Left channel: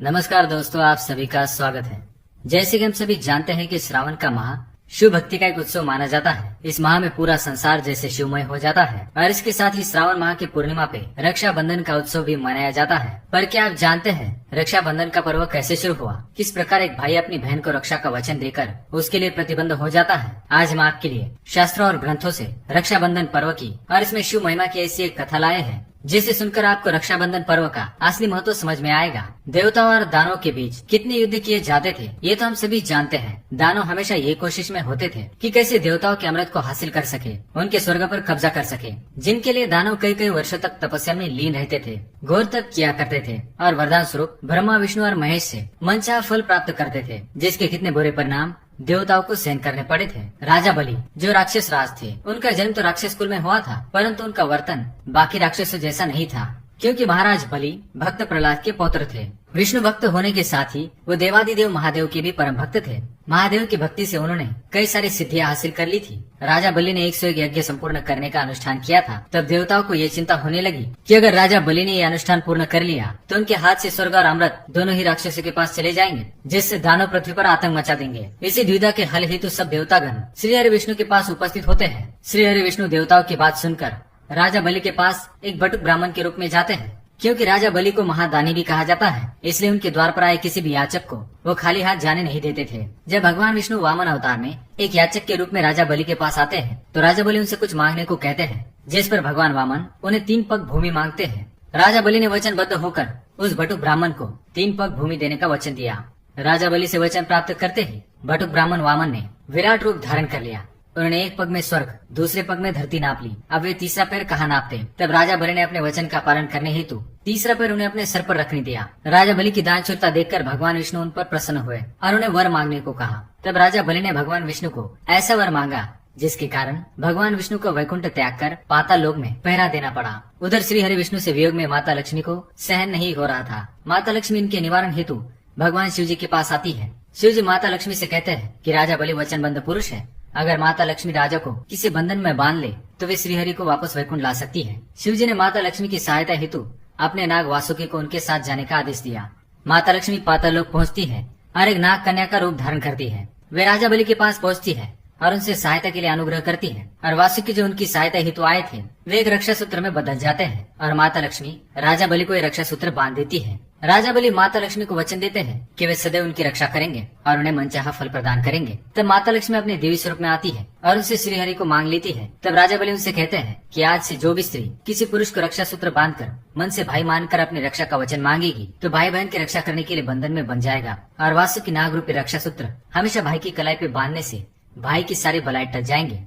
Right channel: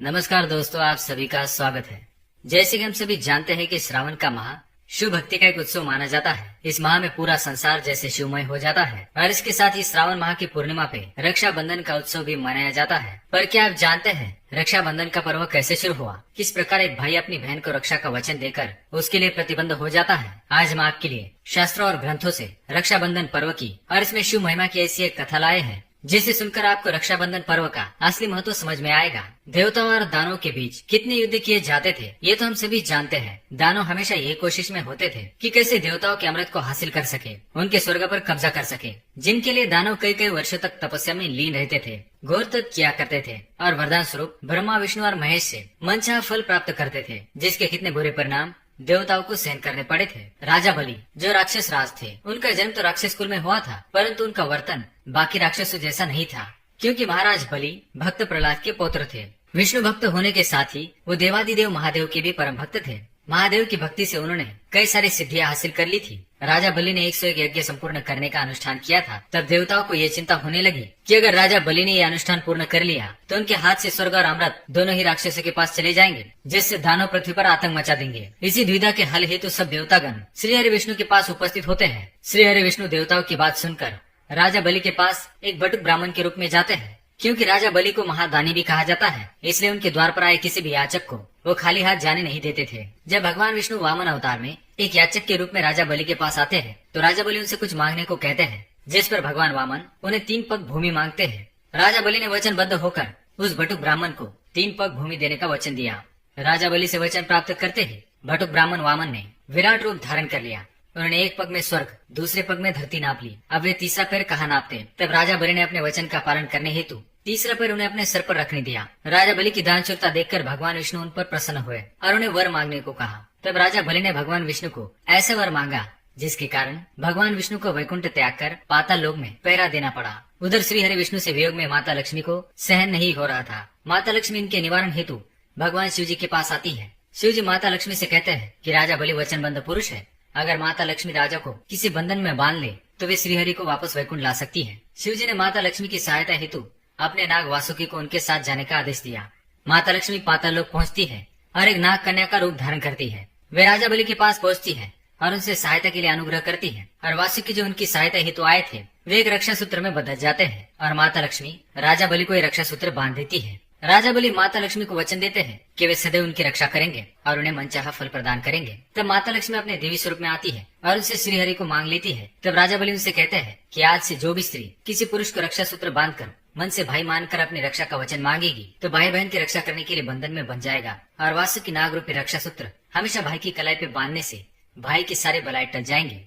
नमस्कार दोस्तों, आप सभी का स्वागत है। जैसे कि हम सभी जानते हैं कि श्रावण का माह शिव भक्ति का एक उत्सव माना जाता है। इस माह में पूरा संसार जैसे शिवमय हो जाता है और इसके साथ ही श्रावण माह की पूर्णिमा पे रक्षाबंधन का उत्सव भी मनाया जाता है। पर क्या आप जानते हैं रक्षाबंधन का पर्व कैसे शुरू हुआ? किस प्रकार एक भाई अपनी बहन को रक्षा का वचन देकर उसके लिए प्रतिबंध हो जाता है? आज हम आपके लिए शास्त्रों और ग्रंथों से रक्षाबंधन पर्व की और इसमें शिव महिमा की ऐसी एक कथा लाए हैं जिसे सुनकर आपको रक्षाबंधन पर्व का असली महत्व समझ में आएगा। देवताओं और दानवों के बीच कितने युद्ध किए जाते थे ये तो हम सभी जानते हैं। दानव हमेशा ये कोशिश में होते थे कि कैसे देवताओं के अमृत को हासिल कर सके, उनके स्वर्ग पर कब्जा कर सके, जिनके लिए दानव कई कई वर्षों तक तपस्या में लीन रहते थे, घोर तप किया करते थे और वरदान स्वरूप ब्रह्मा विष्णु और महेश से मनचाहा फल प्राप्त करते थे, जिसके कितने बुरे परिणाम देवताओं को सहन करने पड़े थे। राजा बलि जो राक्षस राज थे, उनका जन्म तो राक्षस कुल में हुआ था, परंतु उनका वर्तन बाकी राक्षसों जैसा नहीं था, क्योंकि महाराज बलि भक्त प्रहलाद के पौत्र थे। विष्णु भक्त होने के साथ ही वो देवादिदेव महादेव के भी परम भक्त थे। महादेव की भक्ति से उन्होंने कई सारी सिद्धियां हासिल कर ली थी। राजा बलि ने 101 यज्ञ संपूर्ण करने का अनुष्ठान किया था। तब देवताओं को ये चिंता होने लगी कि अगर राजा बलि ने ये अनुष्ठान पूर्ण कर लिया तो उनके हाथ से स्वर्ग और अमृत दोनों ही राक्षसों के पास चले जाएंगे, जिससे दानव पृथ्वी पर आतंक मचा देंगे। इसी द्विधा के हल हेतु सब देवतागण श्री हरि विष्णु के पास उपस्थित होते हैं। श्री हरि विष्णु देवताओं की बात सुनकर राजा बलि के पास एक बटुक ब्राह्मण के रूप में जाते हैं। क्योंकि राजा बलि को महादानी भी कहा जाता है, इसलिए उनके द्वार पर आए किसी भी याचक को वो खाली हाथ जाने नहीं देते थे। जब भगवान विष्णु वामन अवतार में एक याचक के रूप में राजा बलि के पास आते हैं तो राजा बलि उनसे कुछ मांगने को कहते हैं, जिस पर भगवान वामन उन्हें 3 पग भूमि मांगते हैं। राजा बलि ने वचनबद्ध होकर उस बटुक ब्राह्मण को 3 पग भूमि देने का वचन दिया। राजा बलि से वचन प्राप्त करते ही बटुक ब्राह्मण वामन ने विराट रूप धारण कर लिया। उन्होंने एक पग में स्वर्ग, दूसरे पग में धरती नाप ली। अब वे तीसरा पैर कहाँ नापते? तब राजा बलि ने अपने वचन का पालन करने हेतु तीसरा पैर उन्हें अपने सर पर रखने दिया। राजा बलि की दानशूरता देखकर भगवान विष्णु उन पर प्रसन्न हुए और उन्हें वर मांगने को कहा। तब राजा बलि ने भगवान विष्णु को ऐसा वर मांगा जिसके कारण भगवान विष्णु को वैकुंठ त्याग कर पाताल लोक में पहरा देना पड़ा। उधर श्री हरि विष्णु से वियोग में माता लक्ष्मी को सहन नहीं हो रहा था। माता लक्ष्मी इनके निवारण हेतु भगवान शिव जी के पास आती है। शिव जी माता लक्ष्मी से कहते हैं कि राजा बलि वचनबद्ध पुरुष है, अगर माता लक्ष्मी राजा को किसी बंधन में बांध ले तो वे श्रीहरि को वापस वैकुंठ ला सकती है। शिव जी ने माता लक्ष्मी की सहायता हेतु अपने नाग वासुकी को उनके साथ जाने का आदेश दिया। माता लक्ष्मी पाताल लोक पहुँचती है और एक नाग कन्या का रूप धारण करती है। वे राजा बलि के पास पहुँचती है और उनसे सहायता के लिए अनुग्रह करती है और वासुकी जो उनकी सहायता हेतु आए थे वे एक रक्षा सूत्र में बदल जाते हैं और माता लक्ष्मी राजा बलि को ये रक्षा सूत्र बांध देती है। राजा बलि माता लक्ष्मी को वचन देते हैं कि वे सदैव उनकी रक्षा करेंगे और उन्हें मनचाहा फल प्रदान करेंगे। तब माता लक्ष्मी अपने देवी स्वरूप में आती है और उनसे श्रीहरि को मांग लेती है। तब राजा बलि उनसे कहते हैं कि आज से जो भी स्त्री किसी पुरुष को रक्षा सूत्र बांधकर मन से भाई मानकर अपनी रक्षा का वचन मांगेगी तो भाई बहन की रक्षा करने के लिए बंधन में बन जाएगा और वासुकी नाग रूपी रक्षा सूत्र हमेशा भाई की कलाई पे बांधने से भाई की सारी बलाई टच जाएंगे।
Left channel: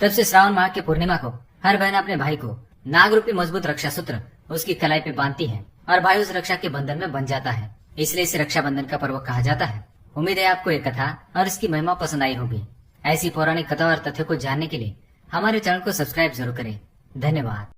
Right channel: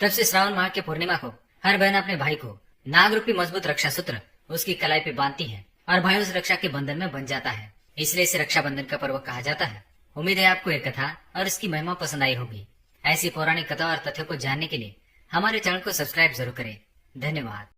तब से श्रावण माह के पूर्णिमा को हर बहन अपने भाई को नाग रूपी मजबूत रक्षा सूत्र उसकी कलाई पे बांधती है और भाई उस रक्षा के बंधन में बन जाता है, इसलिए इसे रक्षाबंधन का पर्व कहा जाता है। उम्मीद है आपको ये कथा और इसकी महिमा पसंद आई होगी। ऐसी पौराणिक कथा और तथ्यों को जानने के लिए हमारे चैनल को सब्सक्राइब जरूर करें। धन्यवाद।